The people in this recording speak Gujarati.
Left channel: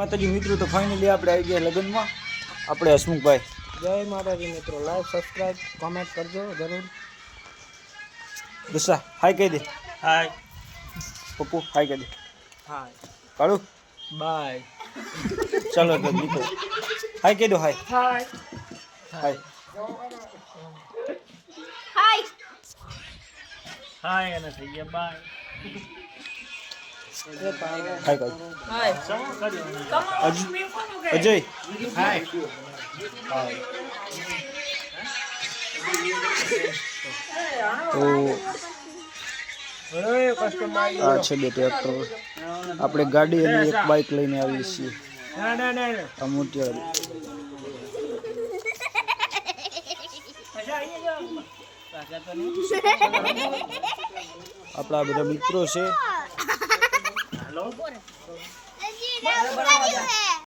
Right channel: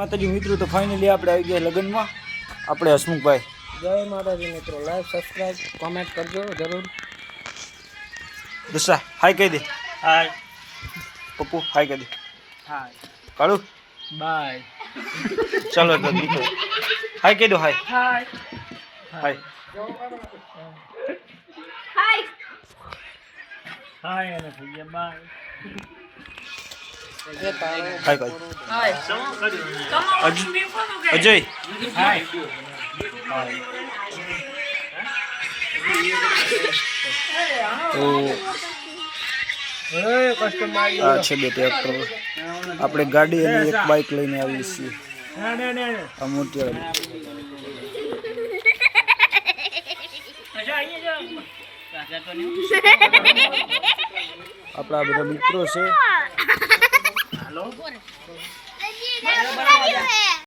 માતાજી મિત્રો, તો ફાઇનલી આપણે આવી ગયા લગ્નમાં. આપણે હસમુખભાઈ, જય માતાજી મિત્રો. લાઈક સબસ્ક્રાઇબ કોમેન્ટ કરજો જરૂર. દશા હાય કહી દે. હાય. પપ્પુ હાય કહી દે. હાય. કાળુ બાય. ચાલો તો મિત્રો હાય કહી દો. હાય હાય. હાય હાય હાય અને થઈ ગયા બાય. હાય કહી હાય અજય હાય. તો આ છે બે ટ્રેક્ટર. આપણે ગાડી અને એક બાઇક લઈને આવીએ છીએ. આ મોટી આપણા બધા મિત્રો છે.